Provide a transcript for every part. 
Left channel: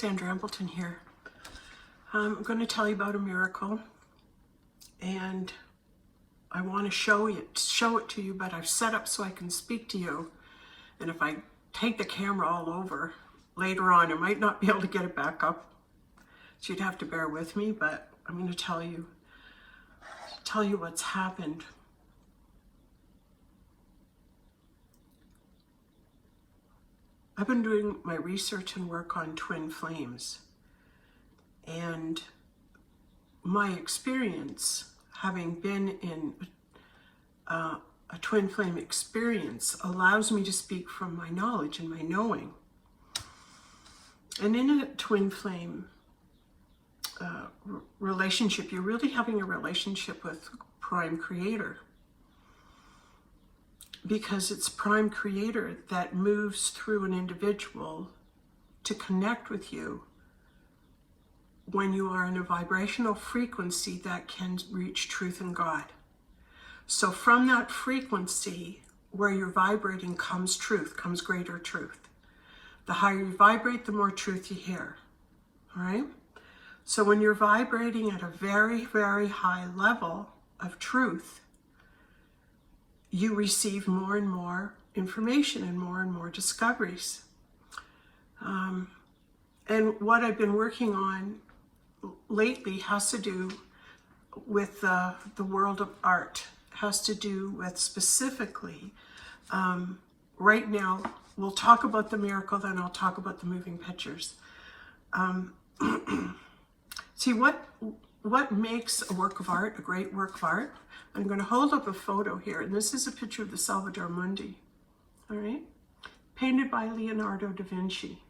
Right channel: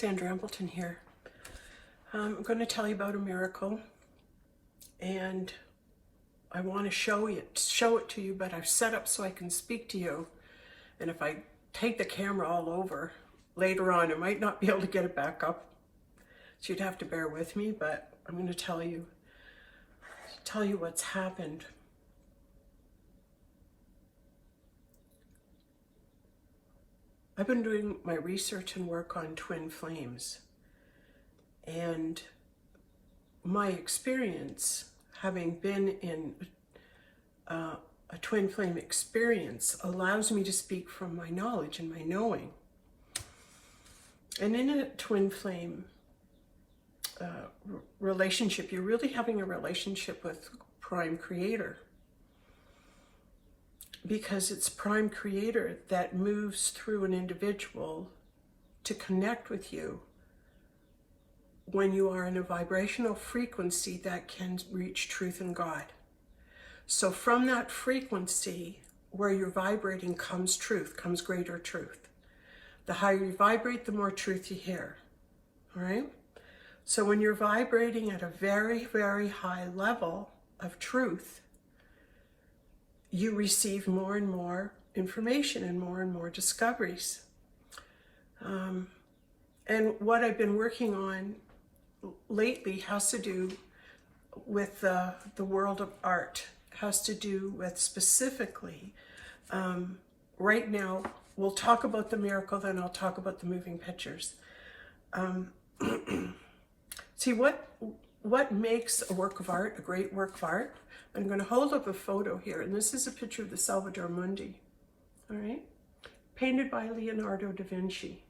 Sandra Embleton here. I'm going to tell you about a miracle, and I want to show it to you, but I've set up so I can speak to you. And if I take the camera all over later on, I might not be able to get it back up. So you'd have to bear with me, but I'm going to tell you what's happened. I've been doing my research and work on twin flames, and my experience, having been in a twin flame experience, allows me to speak from my knowledge and my knowing. And in a twin flame relationship, you're really having a relationship with Prime Creator, because it's Prime Creator that moves through an individual to connect with you when you are in a vibrational frequency that can reach truth and God. So from that frequency where you're vibrating comes truth, comes greater truth. The higher you vibrate, the more truth you hear, all right? So when you're vibrating at a very, very high level of truth, you receive more and more information and more discoveries. And what I've been working on lately has to do with the world of art, has to do with specifically, right now, we'll talk about the miracle, then I'll talk about the moving pictures. See, what makes a work of art, a great work of art? I'm going to hold up a photo here, and this is a picture of the Salvator Mundi, all right? Painted by Leonardo da Vinci.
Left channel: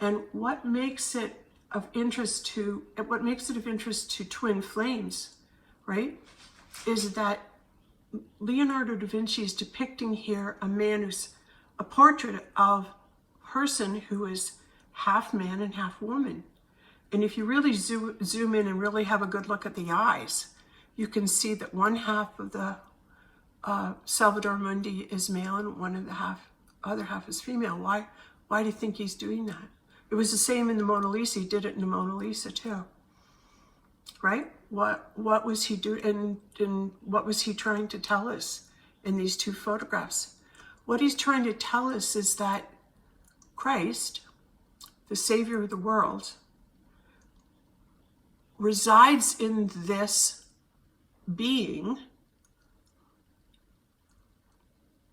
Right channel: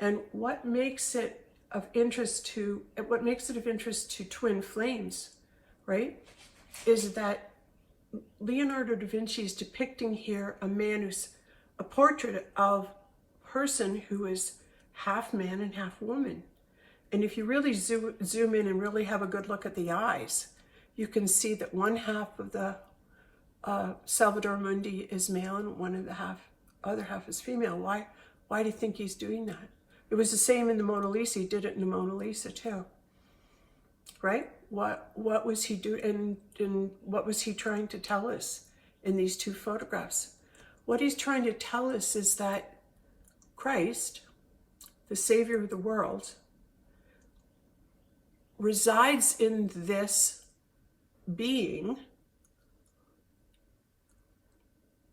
And what makes it of interest to twin flames, right, is that Leonardo da Vinci is depicting here a portrait of a person who is half man and half woman. And if you really zoom in and really have a good look at the eyes, you can see that one half of the Salvator Mundi is male and other half is female. Why do you think he's doing that? It was the same in the Mona Lisa. He did it in the Mona Lisa too, right? What was he doing, and what was he trying to tell us in these two photographs? What he's trying to tell us is that Christ, the Savior of the world, resides in this being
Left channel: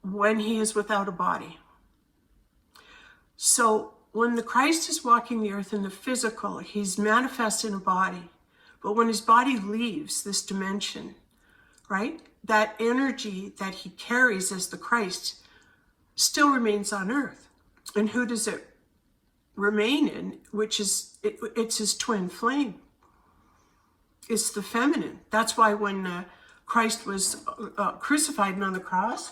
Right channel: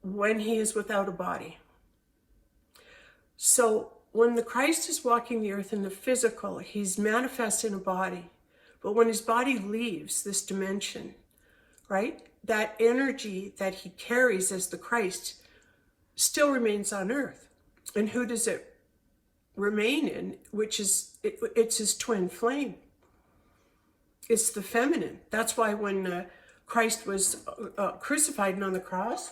when he is without a body. So when the Christ is walking the earth in the physical, he's manifest in a body. But when his body leaves this dimension, right, that energy that he carries as the Christ still remains on earth. And who does it remain in? It's his twin flame. It's the feminine. That's why when Christ was crucified and on the cross,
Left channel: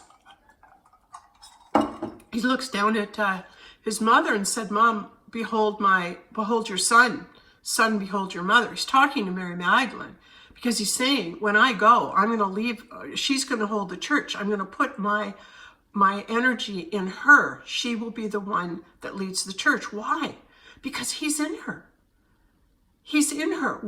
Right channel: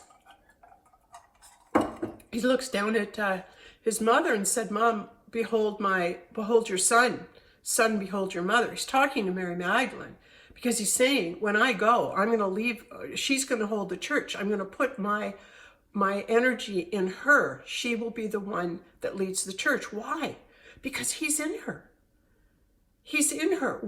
he looks down at his mother and said, "Mom, behold your son. Son, behold your mother." He's talking to Mary Magdalene, because he's saying, when I go, I'm going to leave. She's going to hold the church. I'm going to put my energy in her. She will be the one that leads the church. Why? Because he's in her. He's in her.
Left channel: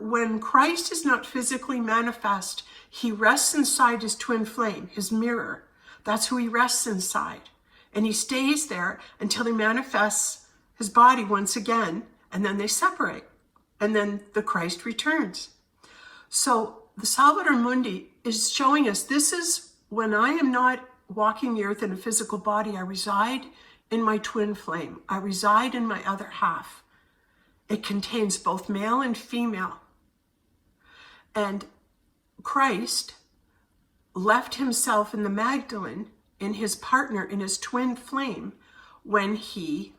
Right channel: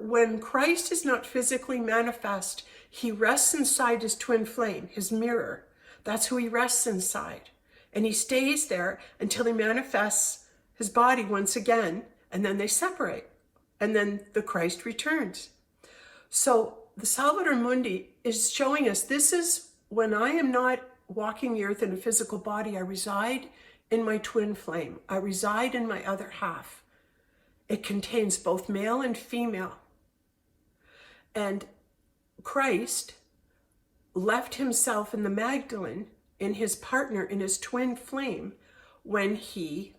When Christ is not physically manifest, he rests inside his twin flame, his mirror. That's who he rests inside. And he stays there until he manifests his body once again, and then they separate. And then the Christ returns. So the Salvator Mundi is showing us, this is when I am not walking the earth in a physical body, I reside in my twin flame. I reside in my other half. It contains both male and female. And Christ left himself in the Magdalene, in his partner, in his twin flame, when he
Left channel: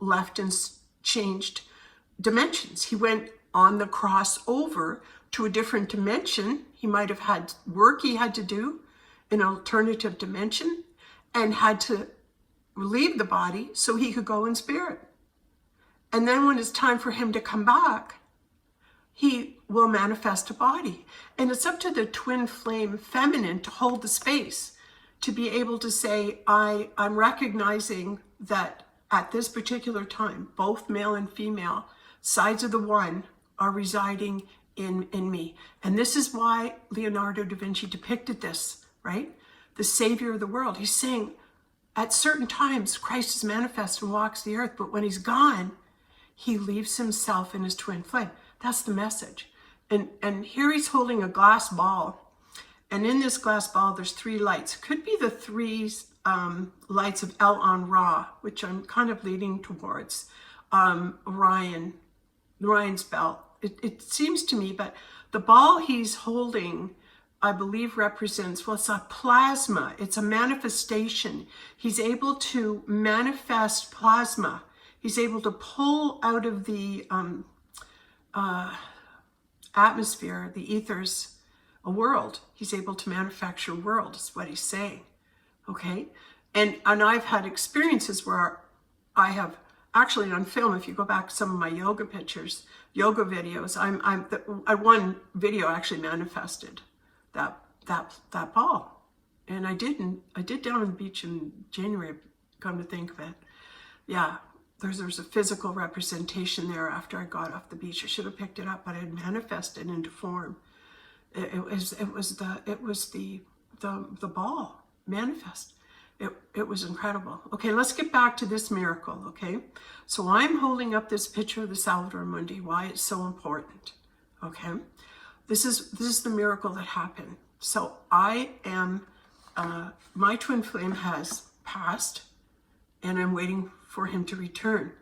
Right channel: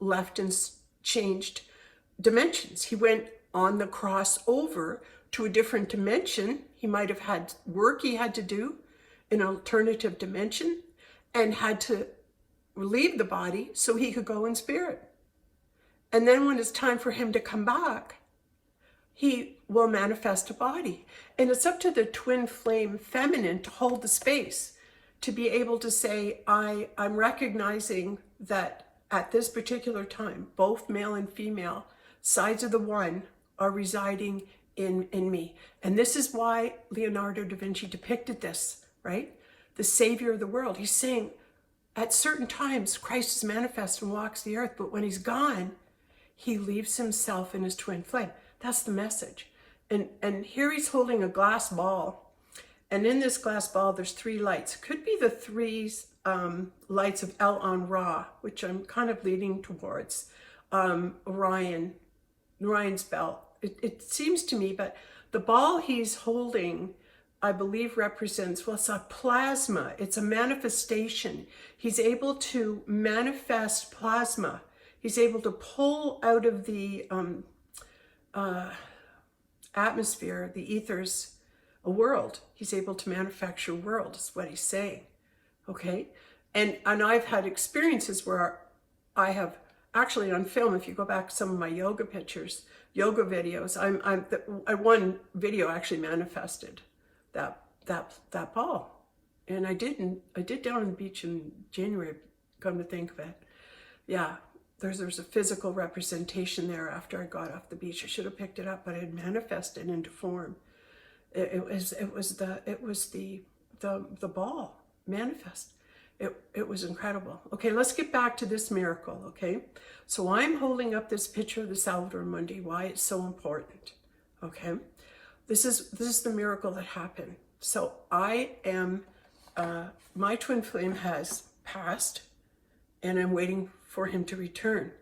left and changed dimensions. He went on the cross over to a different dimension. He might have had work he had to do, an alternative dimension, and had to leave the body so he could go in spirit. And then when it's time for him to come back, he will manifest a body. And it's up to the twin flame feminine to hold the space, to be able to say, I'm recognizing that at this particular time, both male and female sides of the one are residing in me. And this is why Leonardo da Vinci depicted this, right? The Savior of the world. He's saying at certain times, Christ is manifest and walks the earth, but when he's gone, he leaves himself in his twin flame. That's the message. And here he's holding a glass ball. And in this glass ball, there's 3 lights. Could be the 3 lights of El on Ra, which I'm kind of leading towards. Orion's belt. It seems to me, but the ball he's holding, I believe, represents, well, it's a plasma. It's a manifestation. He's able to manifest plasma. He's able to pull out of the atmosphere, the ethers, a world. He's able to manufacture a world, is what he's saying. Okay? And I've had experiences where I have actually on film, if you go back to some of my yoga pictures, yoga videos, one video actually manifested that ball. And I did down on the beach in January, come to think of it. Yeah, there's a physical representation there after I got off the beach. I should have picked it up, but it had manifested into form. It was the ball manifest. It was incredible. Okay, let's get back to this miracle, okay? So I'm holding up this picture of the Salvator Mundi, why it's so important, okay? This is the miracle that happened. So I am, my twin flame has passed, and I'm waiting for him to return.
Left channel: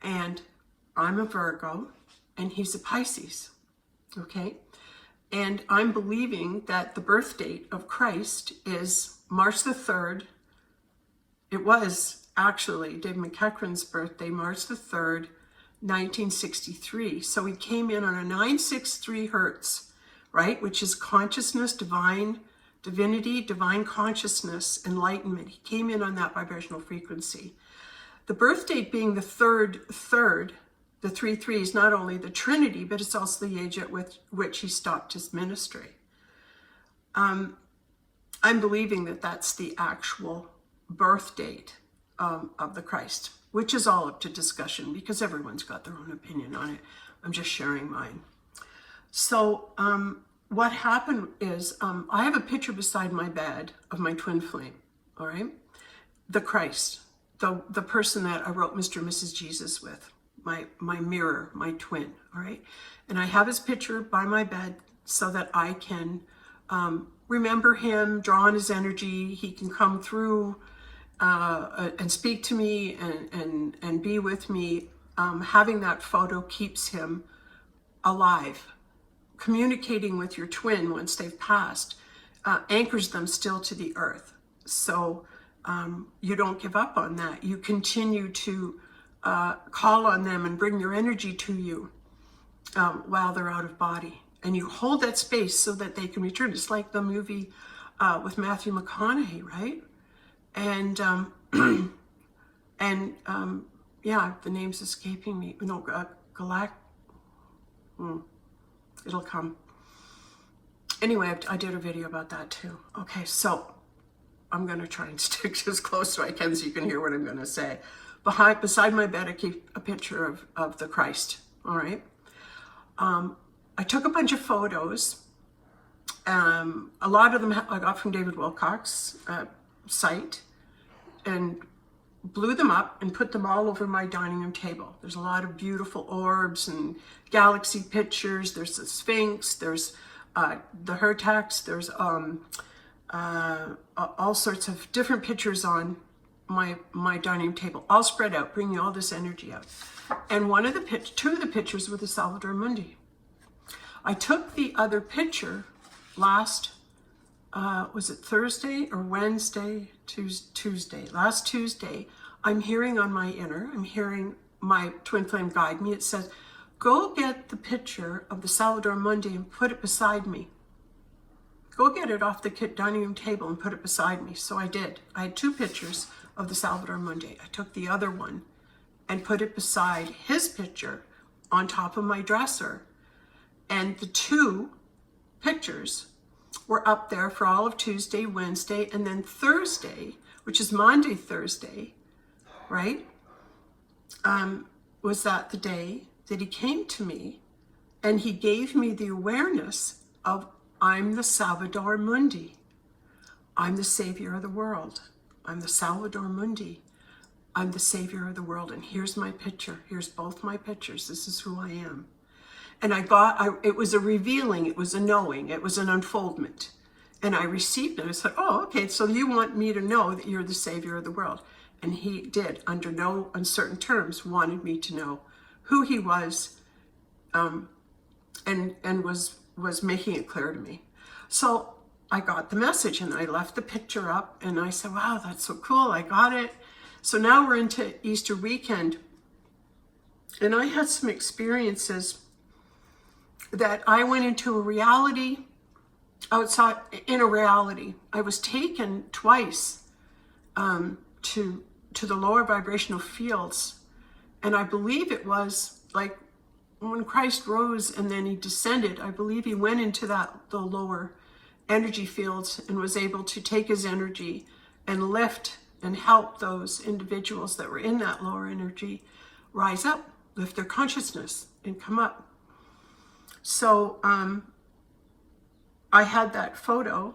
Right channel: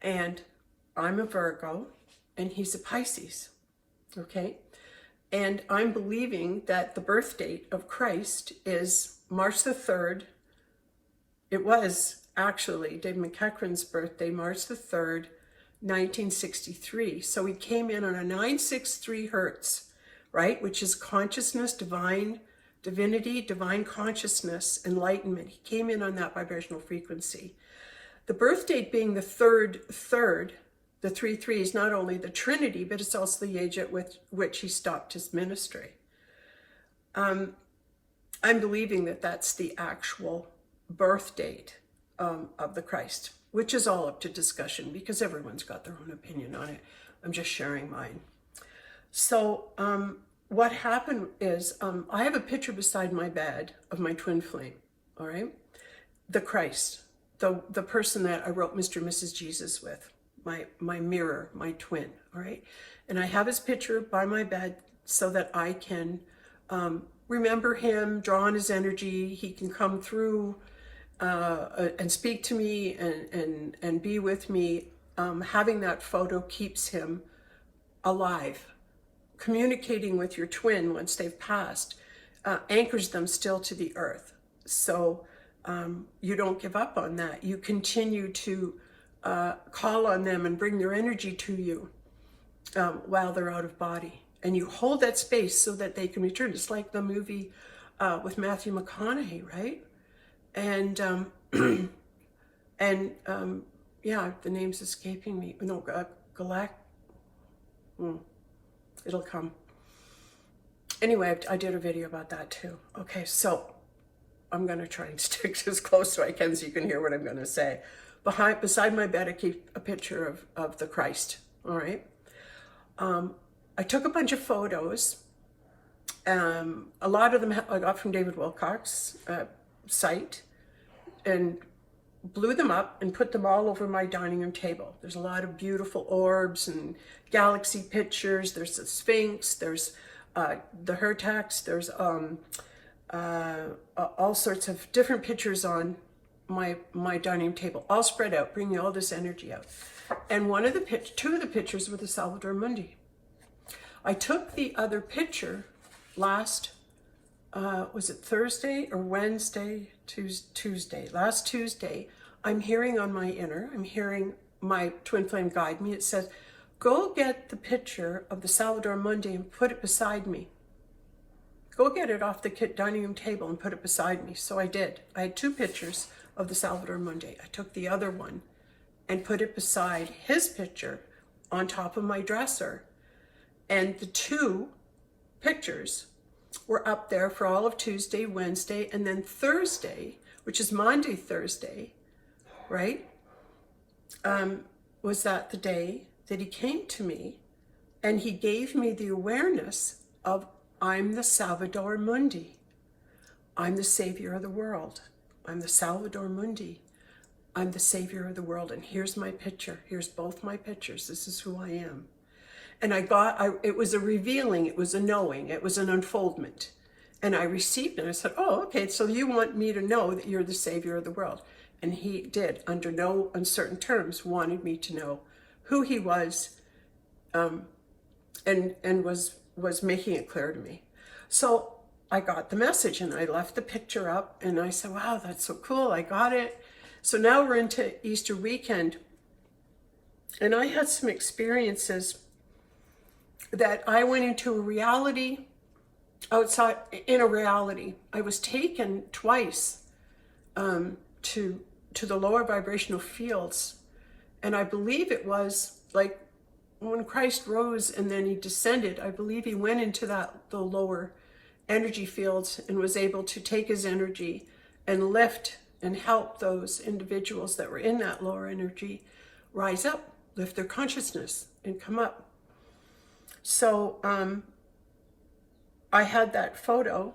And I'm a Virgo, and he's a Pisces, okay? And I'm believing that the birth date of Christ is March the 3rd. It was actually David McEachran's birthday, March the 3rd, 1963. So he came in on a 963 hertz, right? Which is consciousness, divinity, divine consciousness, enlightenment. He came in on that vibrational frequency. The birth date being the third, the 3-3 is not only the Trinity, but it's also the age at which he stopped his ministry. I'm believing that that's the actual birth date of the Christ, which is all up to discussion because everyone's got their own opinion on it. I'm just sharing mine. So what happened is I have a picture beside my bed of my twin flame, all right? The Christ, the person that I wrote Mr. and Mrs. Jesus with, my mirror, my twin, all right? And I have his picture by my bed so that I can remember him, draw on his energy. He can come through and speak to me and be with me. Having that photo keeps him alive. Communicating with your twin once they've passed anchors them still to the earth. So you don't give up on that. You continue to call on them and bring their energy to you while they're out of body. And you hold that space so that they can return. It's like the movie with Matthew McConaughey, right? And yeah, the name's escaping me. No, it'll come. Anyway, I did a video about that too. Okay, so I'm gonna try and stick as close as I can so you can hear what I'm gonna say. Beside my bed, I keep a picture of the Christ, all right? I took a bunch of photos. A lot of them I got from David Wilcock's site and blew them up and put them all over my dining room table. There's a lot of beautiful orbs and galaxy pictures. There's the Sphinx, there's the Hertax, there's all sorts of different pictures on my dining room table, all spread out, bringing all this energy out. And two of the pictures were the Salvator Mundi. I took the other picture last, was it Thursday or Wednesday? Tuesday. Last Tuesday, I'm hearing on my inner, I'm hearing my twin flame guide me. It says, go get the picture of the Salvator Mundi and put it beside me. Go get it off the dining room table and put it beside me. So I did. I had 2 pictures of the Salvator Mundi. I took the other one and put it beside his picture on top of my dresser. And the 2 pictures were up there for all of Tuesday, Wednesday, and then Thursday, which is Monday, Thursday, right, was that the day that he came to me and he gave me the awareness of, I'm the Salvator Mundi. I'm the savior of the world. I'm the Salvator Mundi. I'm the savior of the world. And here's my picture. Here's both my pictures. This is who I am. And it was a revealing. It was a knowing. It was an unfoldment. And I received it. I said, oh, okay, so you want me to know that you're the savior of the world. And he did, under no uncertain terms, wanted me to know who he was, and was making it clear to me. So I got the message and I left the picture up and I said, wow, that's so cool. I got it. So now we're into Easter weekend. And I had some experiences that I went into a reality outside, in a reality. I was taken twice to the lower vibrational fields. And I believe it was like when Christ rose and then he descended, I believe he went into the lower energy fields and was able to take his energy and lift and help those individuals that were in that lower energy rise up, lift their consciousness and come up. So I had that photo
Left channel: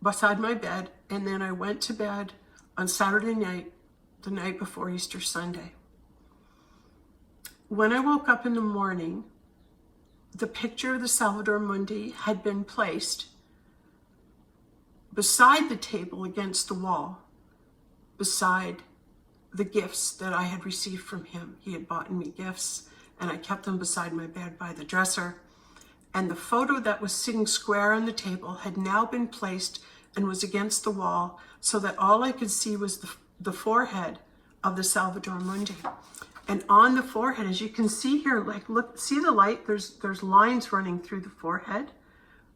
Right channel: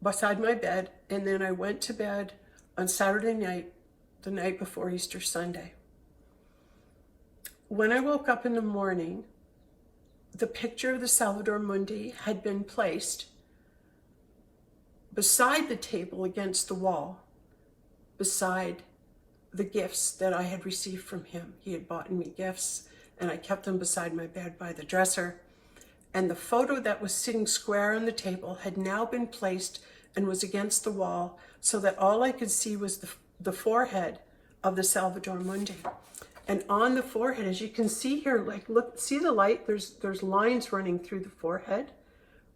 beside my bed, and then I went to bed on Saturday night, the night before Easter Sunday. When I woke up in the morning, the picture of the Salvator Mundi had been placed beside the table against the wall, beside the gifts that I had received from him. He had bought me gifts, and I kept them beside my bed by the dresser. And the photo that was sitting square on the table had now been placed and was against the wall, so that all I could see was the forehead of the Salvator Mundi. And on the forehead, as you can see here, like, look, see the light? There's lines running through the forehead,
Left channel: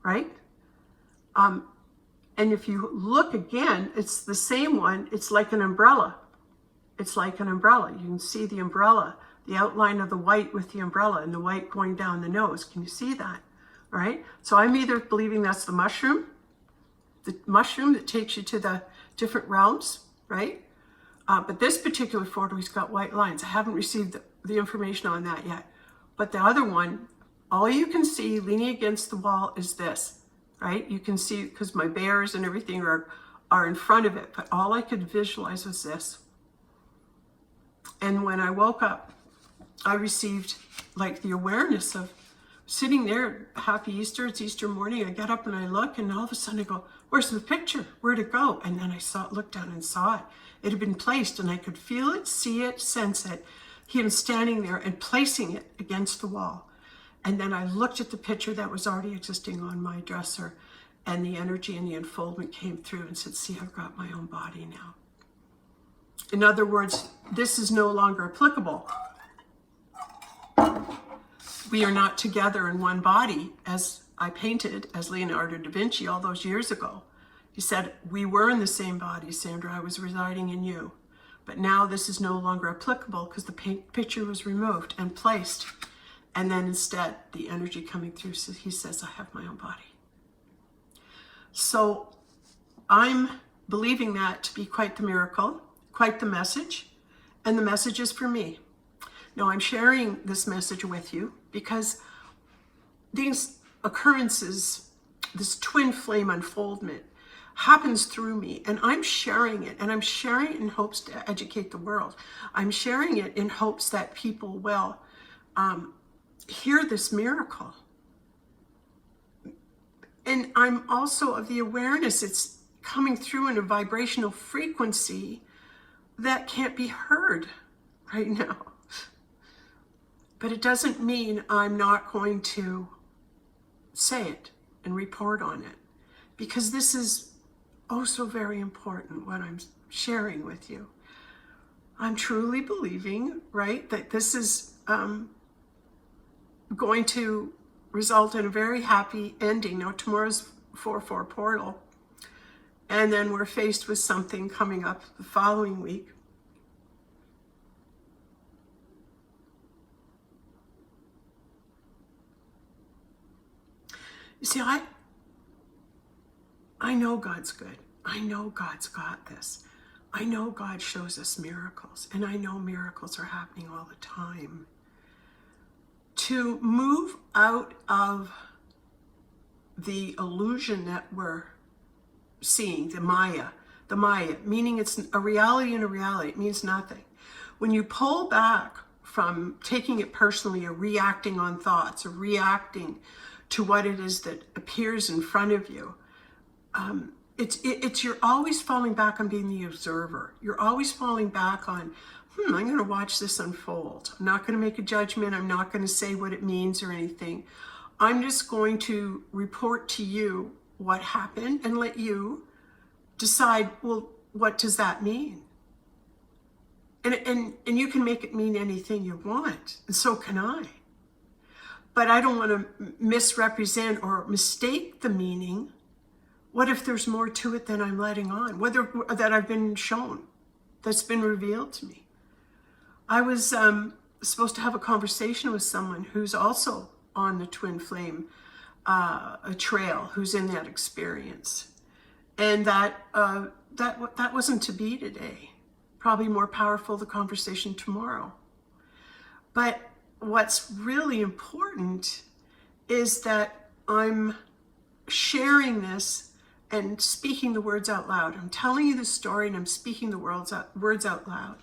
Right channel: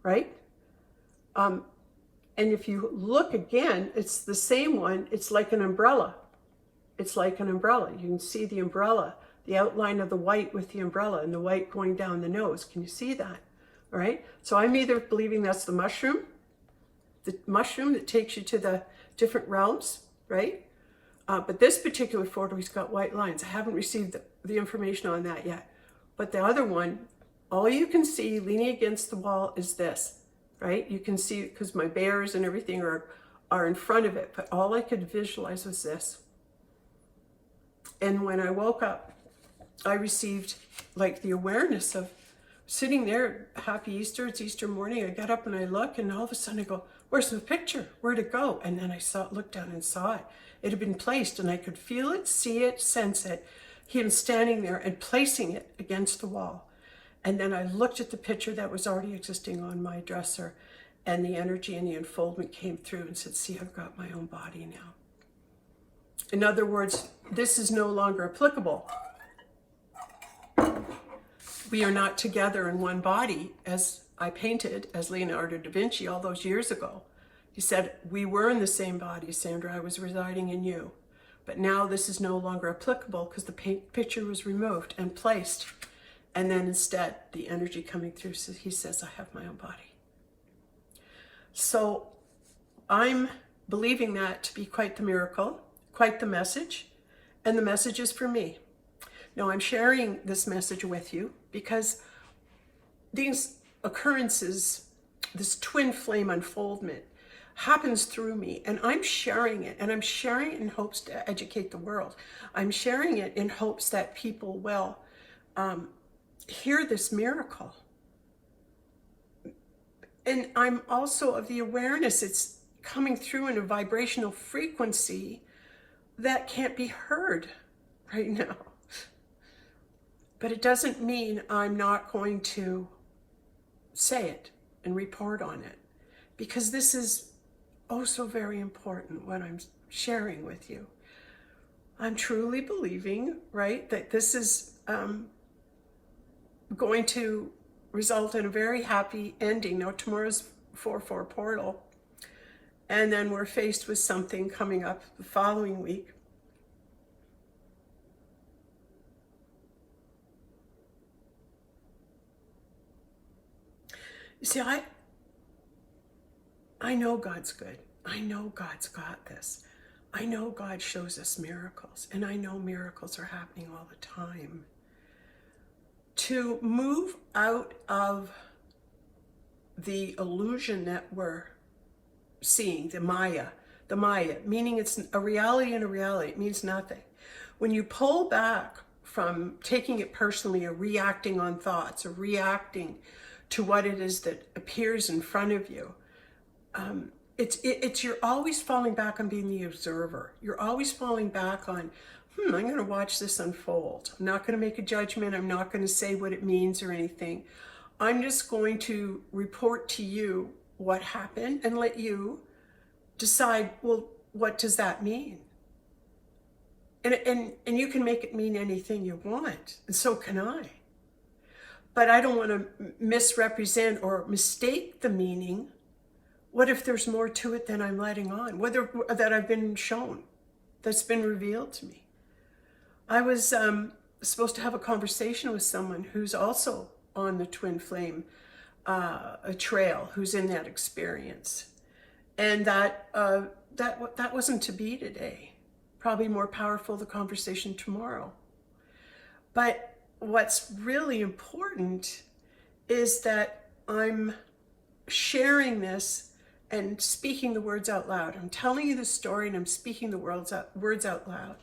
right? And if you look again, it's the same one. It's like an umbrella. It's like an umbrella. You can see the umbrella, the outline of the white with the umbrella and the white going down the nose. Can you see that? All right. So I'm either believing that's the mushroom that takes you to the different realms, right? But this particular photo, he's got white lines. I haven't received the information on that yet. But the other one, all you can see leaning against the wall is this, right? You can see, because my bears and everything are in front of it, but all I could visualize was this. And when I woke up, I received like the awareness of sitting there, happy Easter, it's Easter morning. I got up and I look, and all of a sudden I go, where's the picture? Where'd it go? And then I looked down and saw it. It had been placed, and I could feel it, see it, sense it. He was standing there and placing it against the wall. And then I looked at the picture that was already existing on my dresser, and the energy and the unfoldment came through and said, see, I've got my own body now. In other words, this is no longer applicable. We are not together in one body, as I painted as Leonardo da Vinci all those years ago. He said, we were in the same body, Sandra, I was residing in you. But now this is no longer applicable because the picture was removed and placed. And then instead, the energy coming through, he says, I have my own body. So I'm believing that to be quite the miracle, quite the message, and the message is for me. Now I'm sharing this message with you because these occurrences, this twin flame unfoldment, happens through me, and I'm sharing it, and I'm sharing it in hopes to educate the world. I'm sharing it in hopes that people will hear this miracle. And I'm also of the awareness it's coming through in a vibrational frequency that can't be heard right now. But it doesn't mean I'm not going to say it and report on it, because this is oh so very important what I'm sharing with you. I'm truly believing, right, that this is going to result in a very happy ending. Now tomorrow's 4/4 portal, and then we're faced with something coming up the following week. You see, I know God's good. I know God's got this. I know God shows us miracles, and I know miracles are happening all the time. To move out of the illusion that we're seeing, the Maya, meaning it's a reality and a reality, it means nothing. When you pull back from taking it personally or reacting on thoughts or reacting to what it is that appears in front of you, it's you're always falling back on being the observer. You're always falling back on, I'm going to watch this unfold. I'm not going to make a judgment. I'm not going to say what it means or anything. I'm just going to report to you what happened and let you decide, well, what does that mean? And you can make it mean anything you want, and so can I. But I don't want to misrepresent or mistake the meaning. What if there's more to it than I'm letting on? Whether that I've been shown, that's been revealed to me. I was supposed to have a conversation with someone who's also on the twin flame a trail, who's in that experience, and that wasn't to be today. Probably more powerful the conversation tomorrow. But what's really important is that I'm sharing this and speaking the words out loud. I'm telling you the story and I'm speaking the words out loud.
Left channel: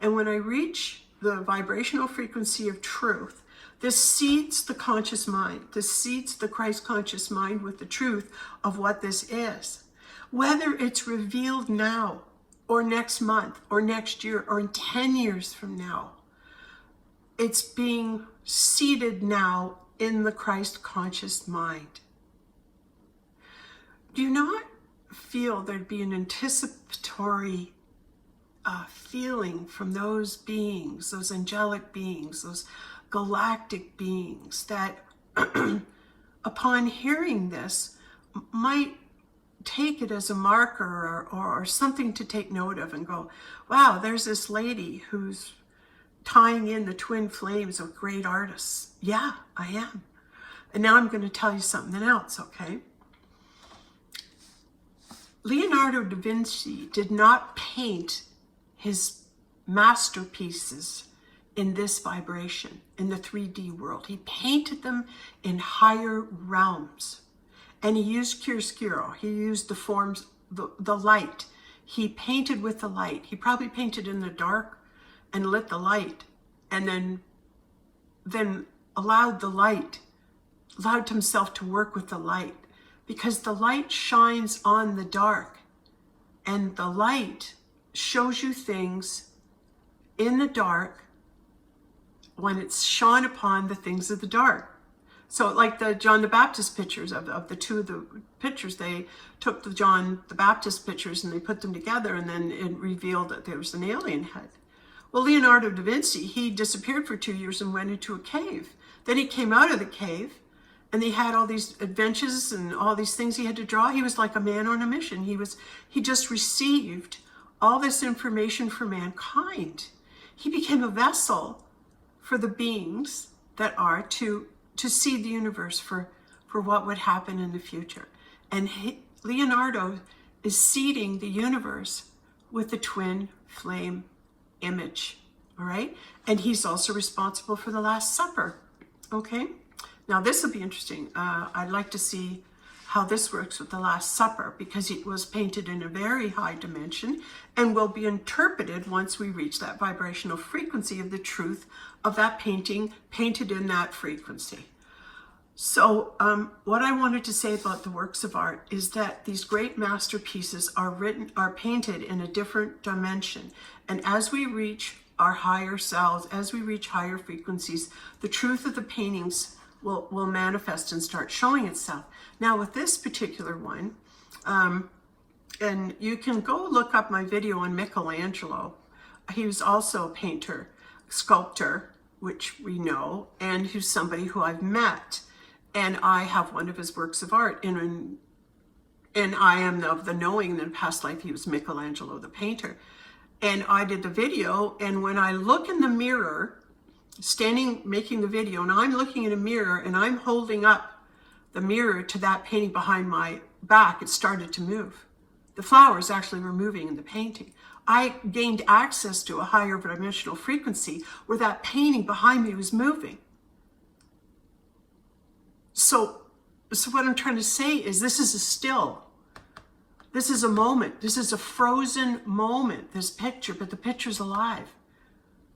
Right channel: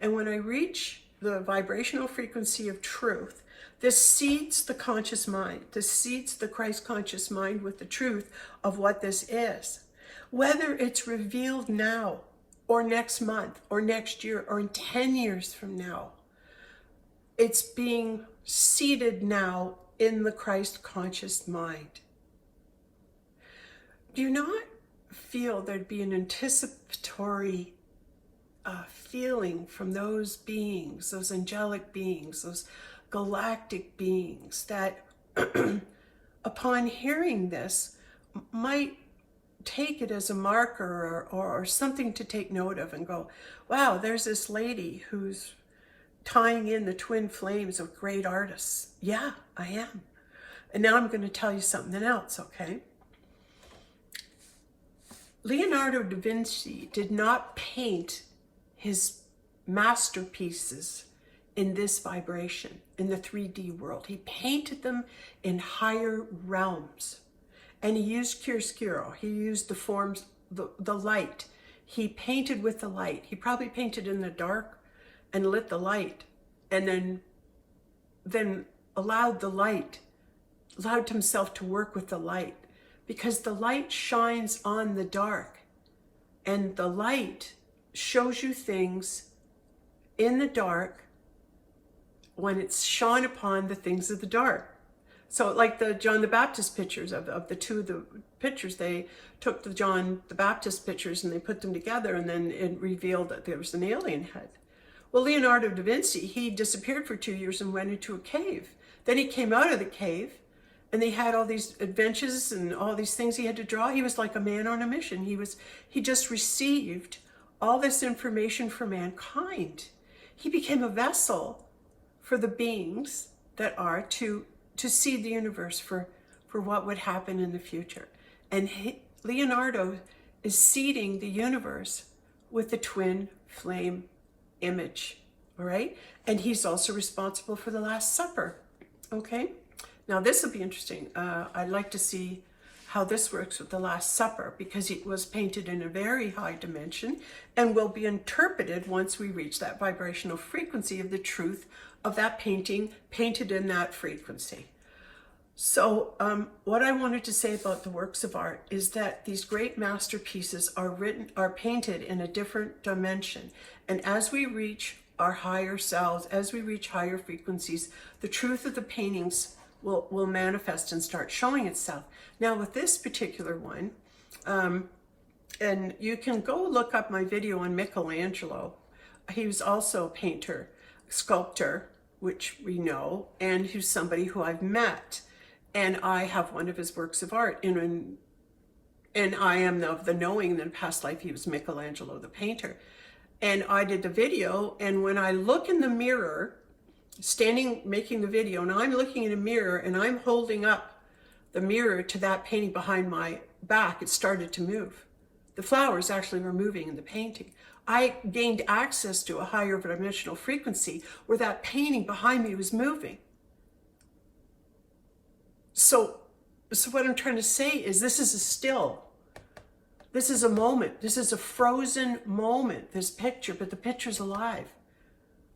And when I reach the vibrational frequency of truth, this seeds the conscious mind. This seeds the Christ conscious mind with the truth of what this is. Whether it's revealed now or next month or next year or in 10 years from now, it's being seated now in the Christ conscious mind. Do you not feel there'd be an anticipatory feeling from those beings, those angelic beings, those galactic beings that upon hearing this might take it as a marker or something to take note of and go, wow, there's this lady who's tying in the twin flames of great artists. Yeah, I am. And now I'm going to tell you something else, okay? Leonardo da Vinci did not paint his masterpieces in this vibration, in the 3D world. He painted them in higher realms. And he used chiaroscuro. He used the forms, the light. He painted with the light. He probably painted in the dark and lit the light, and then allowed himself to work with the light, because the light shines on the dark, and the light shows you things in the dark when it's shone upon the things of the dark. So like the John the Baptist pictures of the two of the pictures, they took the John the Baptist pictures and they put them together, and then it revealed that there was an alien head. Well, Leonardo da Vinci, he disappeared for 2 years and went into a cave. Then he came out of the cave, and they had all these adventures and all these things he had to draw. He was like a man on a mission. He just received all this information for mankind. He became a vessel for the beings that are to see the universe for what would happen in the future. And Leonardo is seeding the universe with the twin flame image, all right? And he's also responsible for the Last Supper, okay? Now this will be interesting. I'd like to see how this works with the Last Supper, because it was painted in a very high dimension and will be interpreted once we reach that vibrational frequency of the truth of that painting, painted in that frequency. So what I wanted to say about the works of art is that these great masterpieces are painted in a different dimension. And as we reach our higher selves, as we reach higher frequencies, the truth of the paintings will manifest and start showing itself. Now with this particular one, and you can go look up my video on Michelangelo. He was also a painter, sculptor, which we know, and who's somebody who I've met. And I have one of his works of art, and I am of the knowing that in past life he was Michelangelo the painter. And I did the video, and when I look in the mirror, standing making the video, and I'm looking in a mirror and I'm holding up the mirror to that painting behind my back, it started to move. The flowers actually were moving in the painting. I gained access to a higher dimensional frequency where that painting behind me was moving. So what I'm trying to say is this is a still. This is a moment. This is a frozen moment, this picture, but the picture's alive.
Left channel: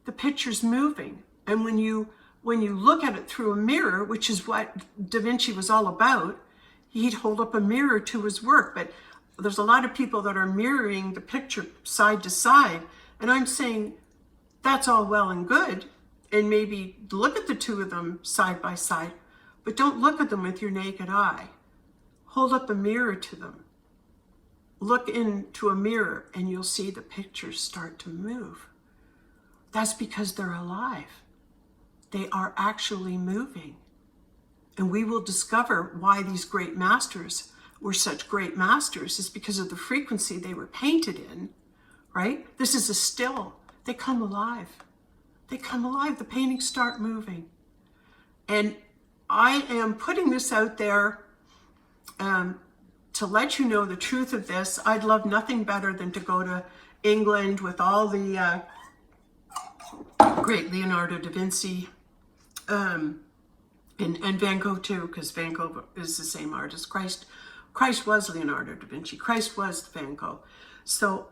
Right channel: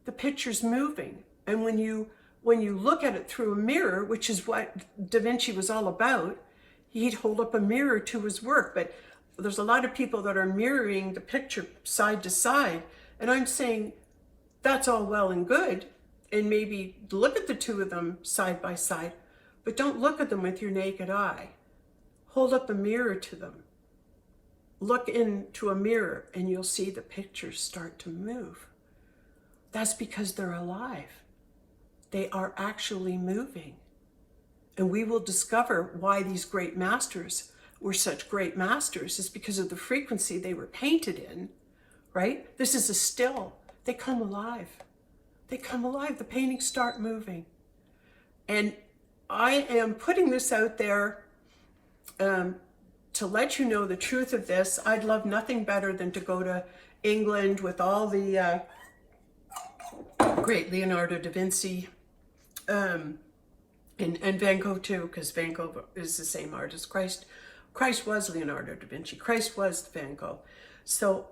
The picture's moving. And when you look at it through a mirror, which is what Da Vinci was all about, he'd hold up a mirror to his work. But there's a lot of people that are mirroring the picture side to side. And I'm saying that's all well and good. And maybe look at the two of them side by side, but don't look at them with your naked eye. Hold up a mirror to them. Look into a mirror and you'll see the pictures start to move. That's because they're alive. They are actually moving. And we will discover why these great masters were such great masters is because of the frequency they were painted in, right? This is a still. They come alive. They come alive. The paintings start moving. And I am putting this out there to let you know the truth of this. I'd love nothing better than to go to England with all the great Leonardo da Vinci and Van Gogh too, because Van Gogh is the same artist. Christ was Leonardo da Vinci. Christ was Van Gogh. So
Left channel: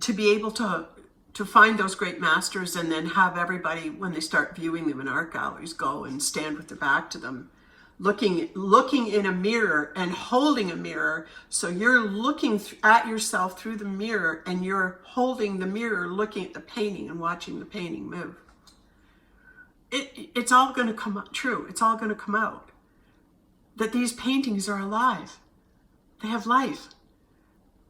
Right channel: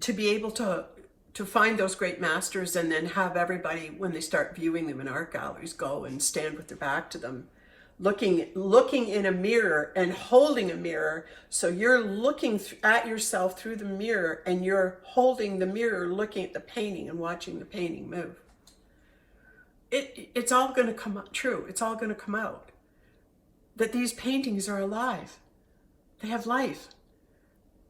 to be able to find those great masters and then have everybody, when they start viewing them in art galleries, go and stand with their back to them, looking in a mirror and holding a mirror. So you're looking at yourself through the mirror and you're holding the mirror, looking at the painting and watching the painting move. It's all going to come out true. It's all going to come out. That these paintings are alive. They have life.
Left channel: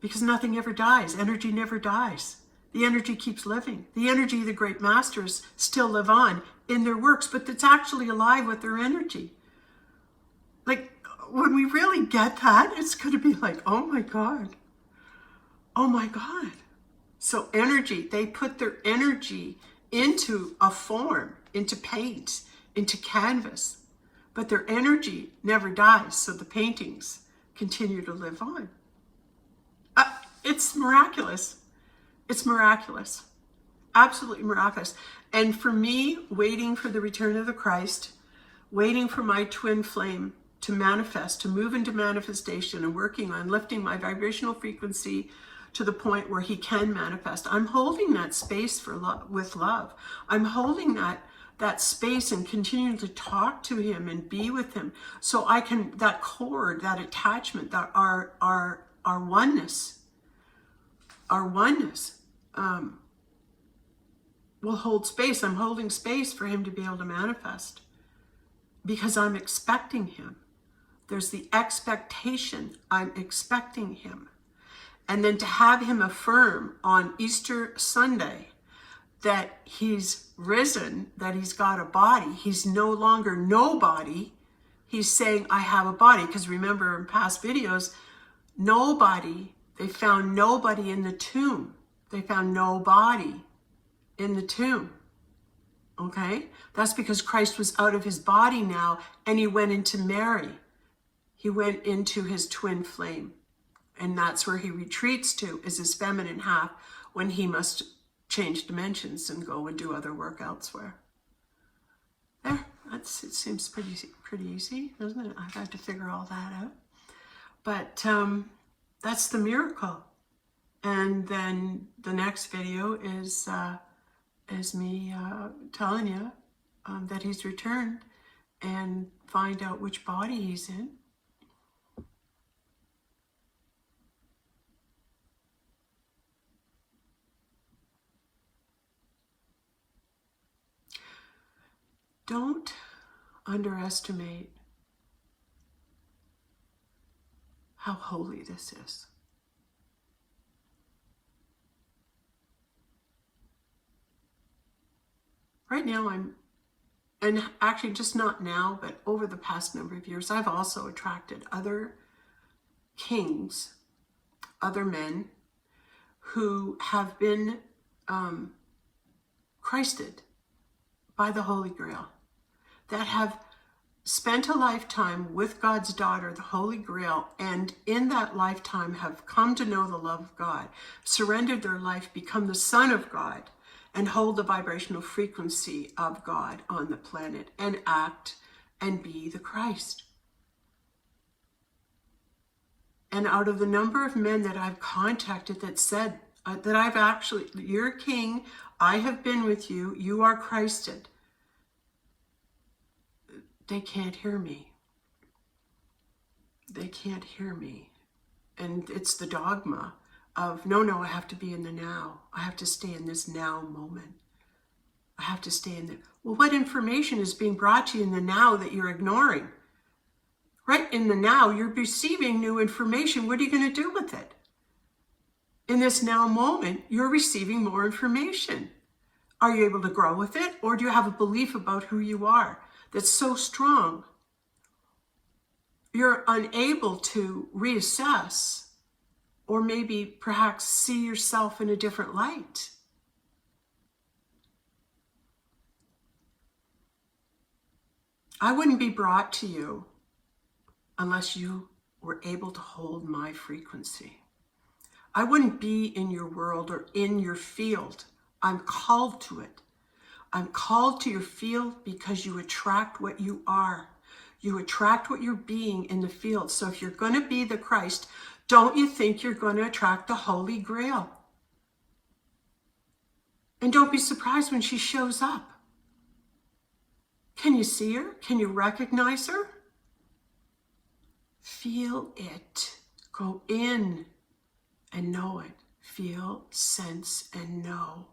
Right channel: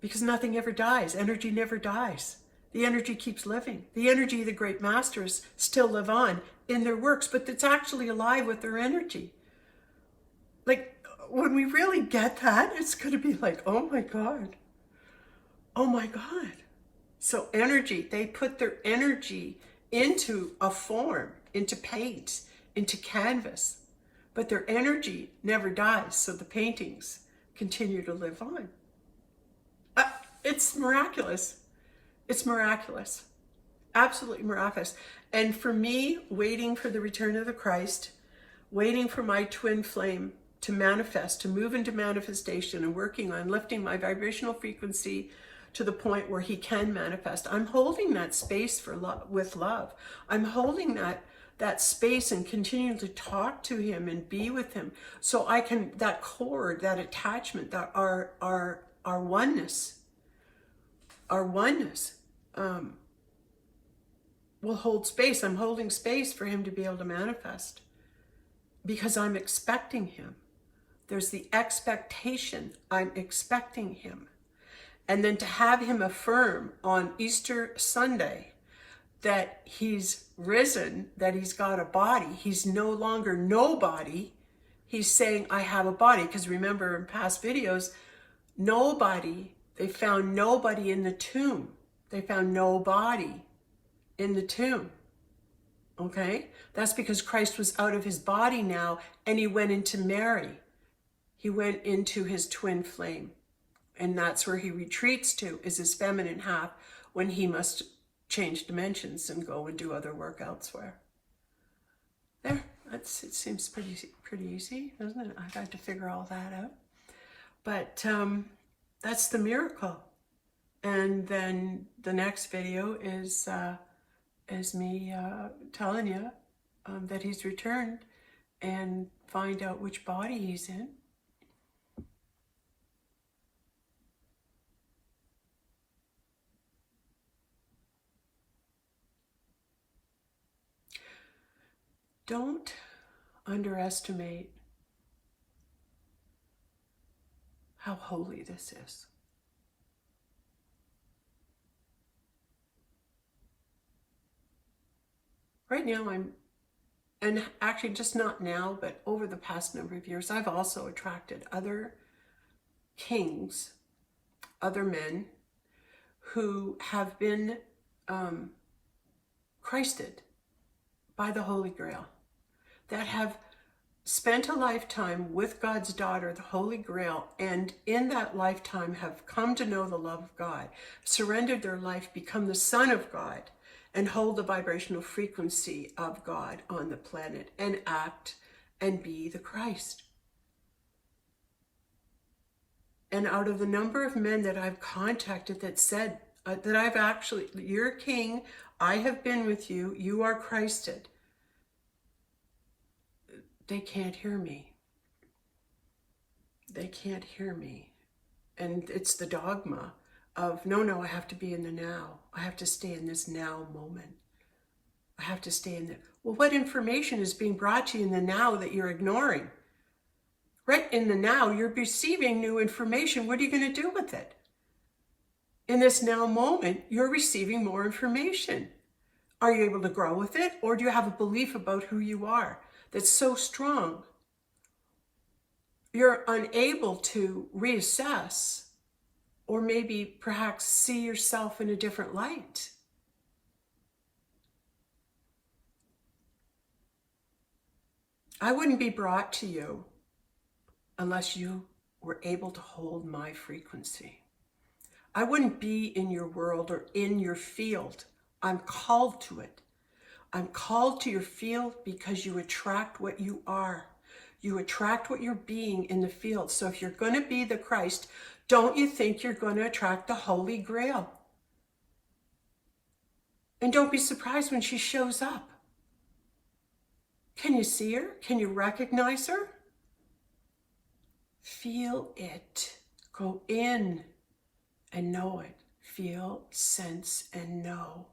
Because nothing ever dies. Energy never dies. The energy keeps living. The energy of the great masters still live on in their works, but it's actually alive with their energy. Like, when we really get that, it's going to be like, oh my God. Oh my God. So energy, they put their energy into a form, into paint, into canvas, but their energy never dies. So the paintings continue to live on. It's miraculous. It's miraculous. Absolutely miraculous. And for me, waiting for the return of the Christ, waiting for my twin flame to manifest, to move into manifestation and working on lifting my vibrational frequency to the point where he can manifest. I'm holding that space for love, with love. I'm holding that space and continuing to talk to him and be with him. So I can, that cord, that attachment, that our oneness, will hold space. I'm holding space for him to be able to manifest because I'm expecting him. There's the expectation. I'm expecting him. And then to have him affirm on Easter Sunday that he's risen, that he's got a body. He's no longer nobody. He's saying, I have a body. Because remember in past videos, they found nobody in the tomb. They found nobody in the tomb. Okay? That's because Christ was out of his body now and he went into Mary. He went into his twin flame. And that's where he retreats to, is his feminine half, when he must change dimensions and go and do other work elsewhere. There, it seems pretty easy, doesn't it? I've had to figure all that out. But that's the miracle. And then the next video is me telling you that he's returned and find out which body he's in. Don't underestimate how holy this is. Right now and actually just not now, but over the past number of years, I've also attracted other kings, other men who have been Christed by the Holy Grail, that have spent a lifetime with God's daughter, the Holy Grail, and in that lifetime have come to know the love of God, surrendered their life, become the Son of God, and hold the vibrational frequency of God on the planet and act and be the Christ. And out of the number of men that I've contacted that said that I've actually, you're king, I have been with you, you are Christed, they can't hear me. They can't hear me. And it's the dogma of, no, I have to be in the now. I have to stay in this now moment. I have to stay in there. Well, what information is being brought to you in the now that you're ignoring? Right in the now, you're receiving new information. What are you going to do with it? In this now moment, you're receiving more information. Are you able to grow with it? Or do you have a belief about who you are that's so strong you're unable to reassess or maybe perhaps see yourself in a different light? I wouldn't be brought to you unless you were able to hold my frequency. I wouldn't be in your world or in your field. I'm called to it. I'm called to your field because you attract what you are. You attract what you're being in the field. So if you're going to be the Christ, don't you think you're going to attract the Holy Grail? And don't be surprised when she shows up. Can you see her? Can you recognize her? Feel it. Go in and know it. Feel, sense, and know.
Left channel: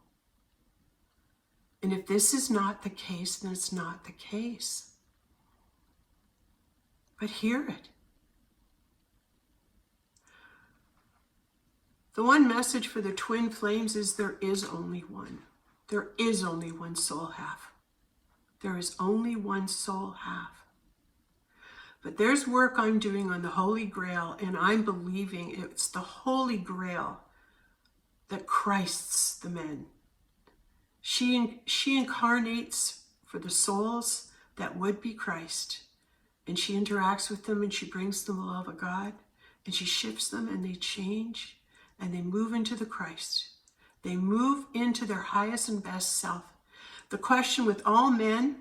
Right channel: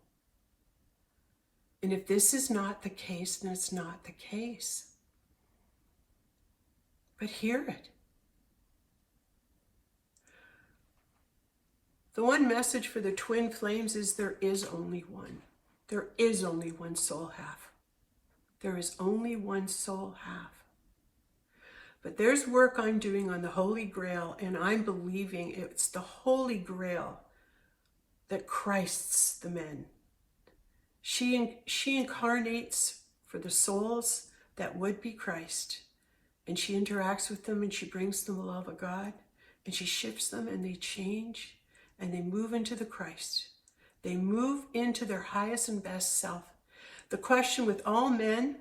And if this is not the case, then it's not the case. But hear it. The one message for the twin flames is there is only one. There is only one soul half. There is only one soul half. But there's work I'm doing on the Holy Grail, and I'm believing it's the Holy Grail that Christs the men. She incarnates for the souls that would be Christ. And she interacts with them and she brings them the love of God. And she shifts them and they change and they move into the Christ. They move into their highest and best self. The question with all men,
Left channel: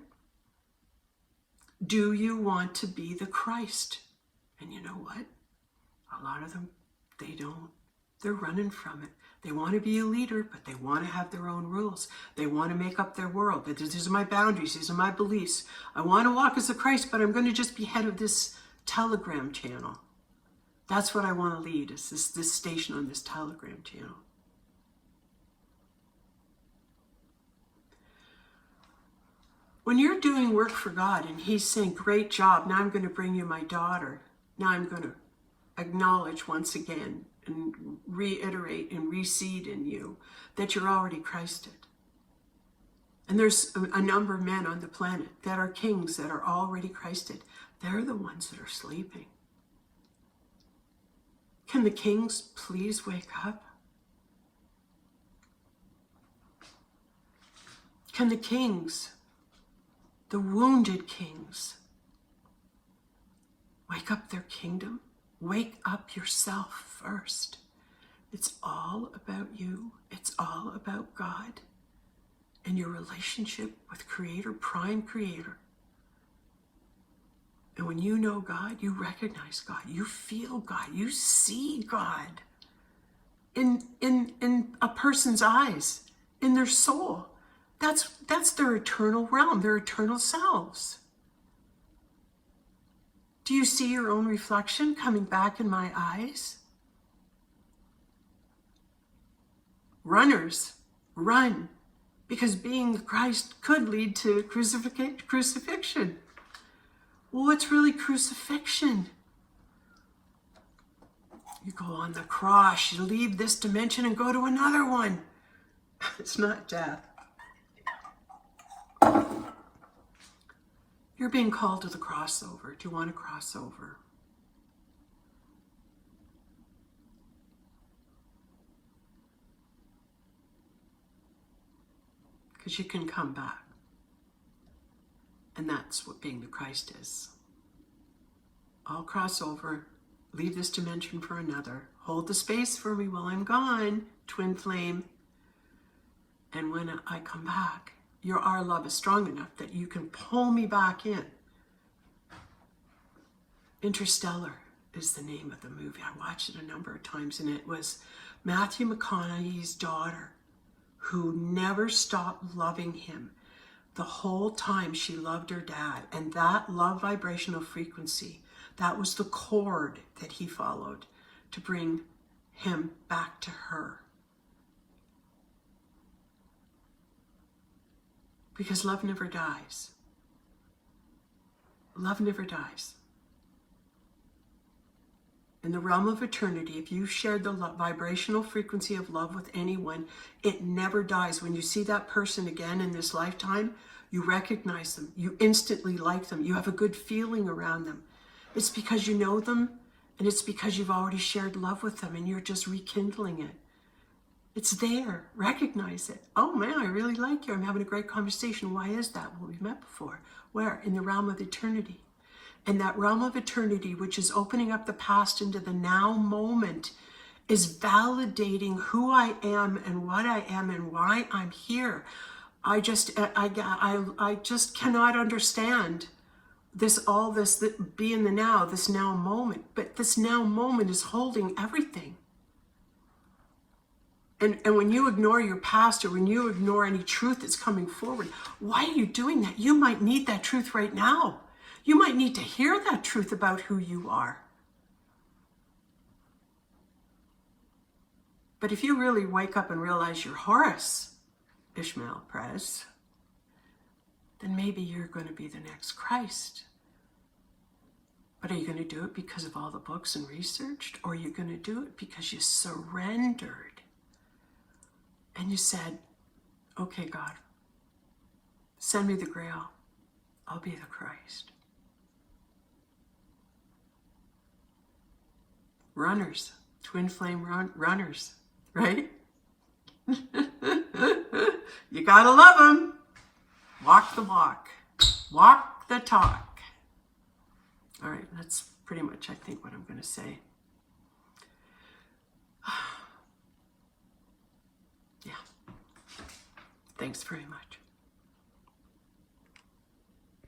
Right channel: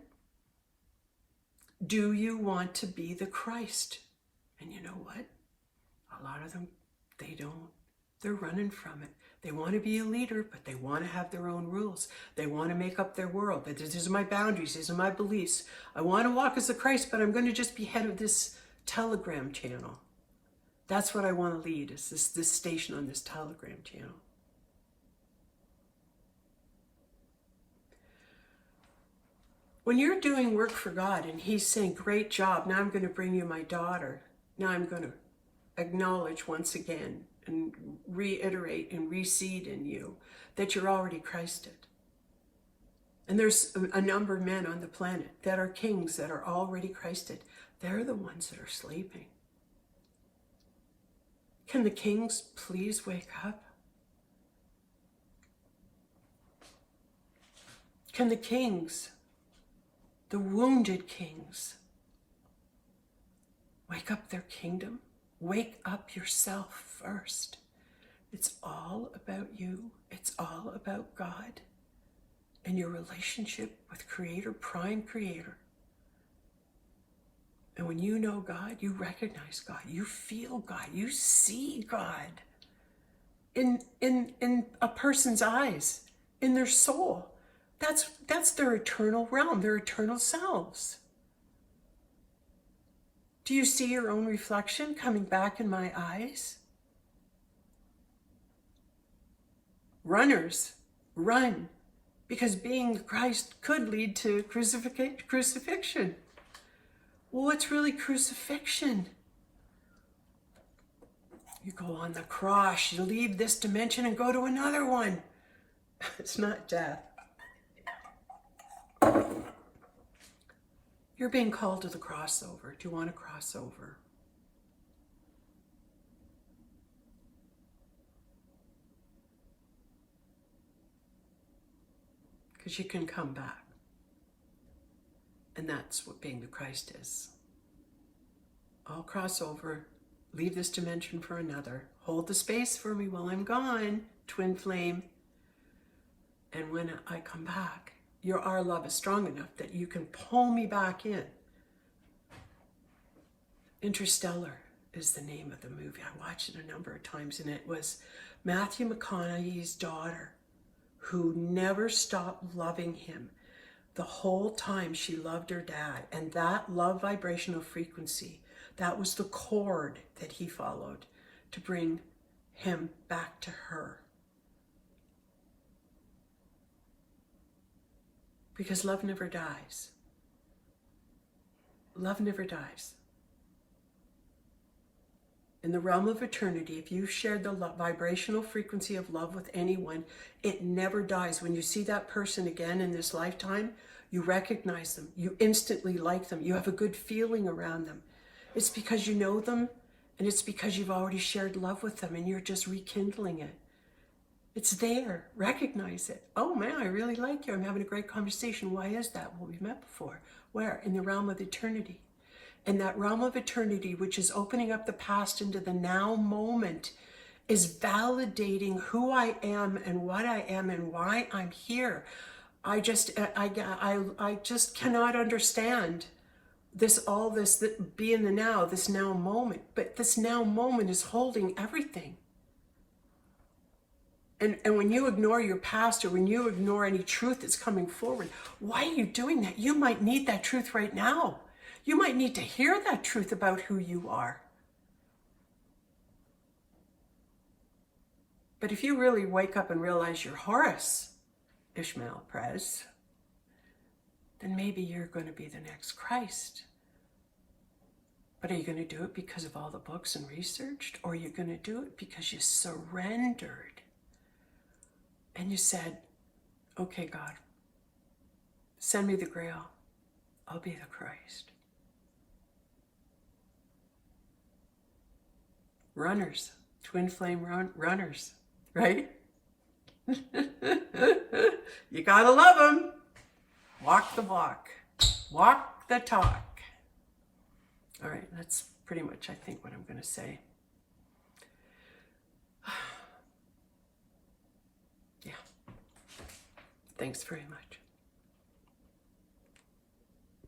do you want to be the Christ? And you know what? A lot of them, they don't. They're running from it. They want to be a leader, but they want to have their own rules. They want to make up their world. These are my boundaries. These are my beliefs. I want to walk as a Christ, but I'm going to just be head of this Telegram channel. That's what I want to lead, is this station on this Telegram channel. When you're doing work for God and he's saying, great job, now I'm going to bring you my daughter. Now I'm going to acknowledge once again and reiterate and reseed in you that you're already Christed. And there's a number of men on the planet that are kings that are already Christed. They're the ones that are sleeping. Can the kings please wake up? Can the kings, the wounded kings, wake up their kingdom? Wake up yourself first. It's all about you. It's all about God and your relationship with Creator, Prime Creator. And when you know God, you recognize God, you feel God, you see God in a person's eyes, in their soul. That's their eternal realm, their eternal selves. Do you see your own reflection coming back in my eyes? Runners, run, because being the Christ could lead to crucifixion. Well, what's really crucifixion? You go on the cross, you leave this dimension and go to another one. It's not death. You're being called to the crossover. Do you want to cross over? Because you can come back. And that's what being the Christ is. I'll cross over, leave this dimension for another. Hold the space for me while I'm gone, twin flame. And when I come back, our love is strong enough that you can pull me back in. Interstellar is the name of the movie. I watched it a number of times, and it was Matthew McConaughey's daughter who never stopped loving him. The whole time she loved her dad, and that love vibrational frequency, that was the chord that he followed to bring him back to her. Because love never dies. Love never dies. In the realm of eternity, if you've shared the vibrational frequency of love with anyone, it never dies. When you see that person again in this lifetime, you recognize them. You instantly like them. You have a good feeling around them. It's because you know them, and it's because you've already shared love with them, and you're just rekindling it. It's there. Recognize it. Oh man, I really like you. I'm having a great conversation. Why is that? Well, we've met before. Where? In the realm of eternity. And that realm of eternity, which is opening up the past into the now moment, is validating who I am and what I am and why I'm here. I just cannot understand this be in the now, this now moment. But this now moment is holding everything. And when you ignore your past, or when you ignore any truth that's coming forward, why are you doing that? You might need that truth right now. You might need to hear that truth about who you are. But if you really wake up and realize you're Horus, Ishmael Prez, then maybe you're going to be the next Christ. But are you going to do it because of all the books and researched? Or are you going to do it because you surrendered? And you said, okay, God, send me the Grail. I'll be the Christ. Runners, twin flame runners, right? You gotta love them. Walk the walk. Walk the talk. All right, that's pretty much, I think, what I'm going to say. Yeah. Thanks very much.